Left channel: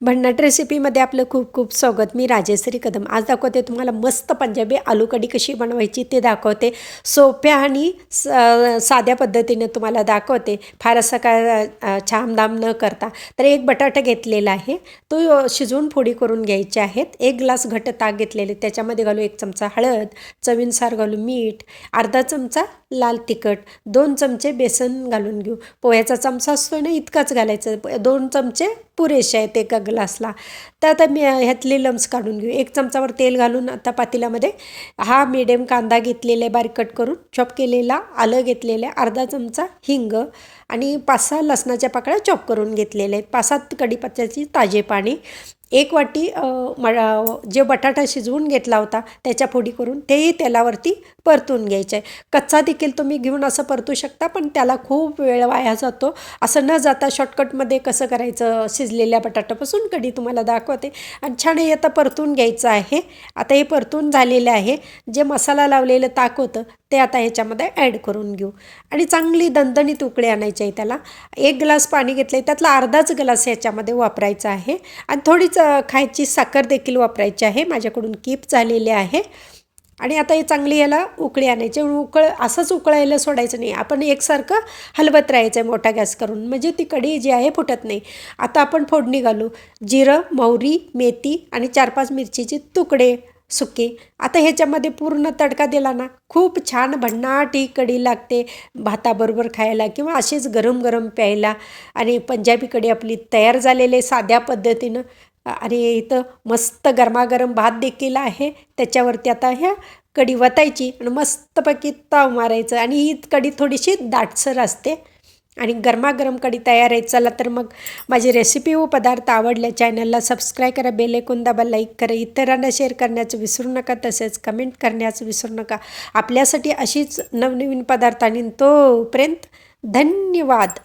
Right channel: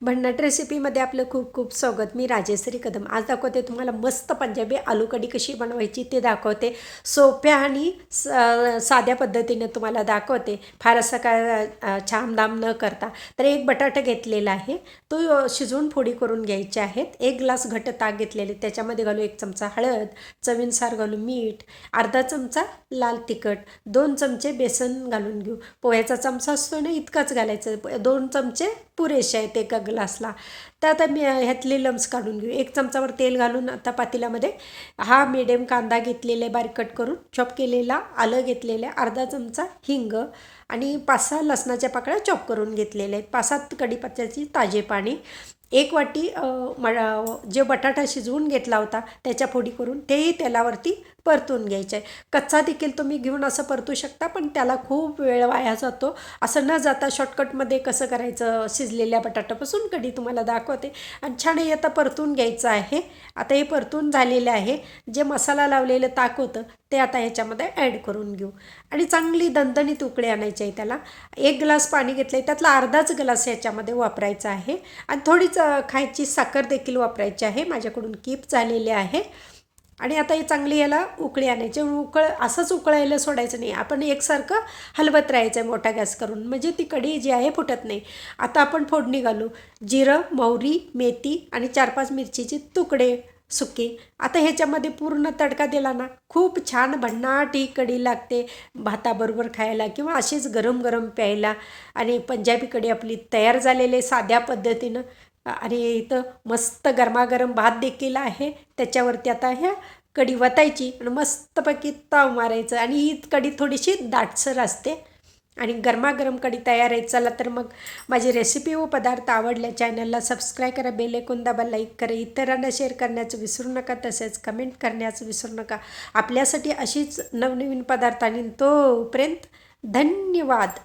भन्नाट रेसिपीमध्ये आपलं खूप खूप स्वागत. मी राजेश्री कदम. आज दाखवते तुम्हाला मस्त पंजाबी आलू कढी कशी बनवायची ते दाखवते. सोप्या आणि स साध्या पद्धतीने तुम्हाला दाखवते. फार असं काय छामधाम न करता. तर एक बटाटा घेतलेला आहे. तो शिजवून फोडी करून घ्यायचे आहेत. एक ग्लास घट्ट ताक घेतलेले. त्याच्यामध्ये घालू एक चमचा हळद चवीनुसार घालू मीठ अर्धा चमचा लाल तिखट दोन चमचे बेसन घालून घेऊ. पोह्याचा चमचा असतो ना इतकाच घालायचं. दोन चमचे पुरेसे आहेत एका ग्लासला. तर आता मी ह्यातले लम्स काढून घेऊ. एक चमचावर तेल घालून आता पातेल्यामध्ये हा मिडियम कांदा घेतलेला आहे बारीक कट करून. चॉप केलेला आलं घेतलेलं आहे अर्धा चमचा हिंग आणि पाच सहा लसणाच्या पाकळ्या चॉप करून घेतलेल्या आहेत. पाच सात कढीपत्त्याची ताजे पाणी एक वाटी मळा जे बटाटा शिजवून घेतला होता त्याच्या फोडी करून तेही तेलावरती परतून घ्यायचं. आहे कच्चा देखील तुम्ही घेऊन असं परतू शकता पण त्याला खूप वेळ वाया जातो. असं न जाता शॉर्टकटमध्ये कसं करायचं? शिजलेल्या बटाट्यापासून कढी तुम्हाला दाखवते. आणि छान हे आता परतून घ्यायचं आहे. आता हे परतून झालेलं आहे. जे मसाला लावलेलं ताक होतं ते आता ह्याच्यामध्ये ॲड करून घेऊ. आणि चांगली दणदणीत तुकडे आणायचे आहे त्याला. एक ग्लास पाणी घेतलं आहे त्यातला अर्धाच ग्लास ह्याच्यामध्ये वापरायचा आहे. आणि थोडीच अ, खायची साखर देखील वापरायची आहे. माझ्याकडून कीप झालेले आहे. आणि आता हे चांगली याला उकळी आणायची. उकळ असंच उकळायला सोडायचं नाही. आपण एकसारखं हलवत राहायचं आहे मोठा गॅस करून. म्हणजे ती कढी जी आहे फुटत नाही. आता आपण फोडणी घालू. जिरं मोहरी मेथी आणि चार पाच मिरचीचे तुकडे सुके. आता ह्याच्यामध्ये पूर्ण तडका दिला ना खूप छान भन्नाट ही कढी लागते भाताबरोबर खायला किंवा अशीच गरम गरम प्यायला. आणि पंजाबी कढी आपली तयार झालेली साध्या पद्धतीनं. आणि इथं मस्त गरमागरम भात देखील आहे. त्याच्यावरती आता ह्या कढी वतायची आणि मस्तपैकी ताव मारायचं आणि ही कढी थोडीशी दाटसर असते. आणि गरमागरम कढी तयार आहे. चला तर मग माझी रेसिपी व पदार्थ आवडल्या चॅनलला सबस्क्राईब करा बेल ऐकून दाबा लाईक करा इतरांना शेअर करण्याचं विसरू नका तसेच कमेंट करण्याचं विसरू नका. आपल्यासाठी अशीच नवनवीन पदार्थ आणि तोपर्यंत धन्यवाद.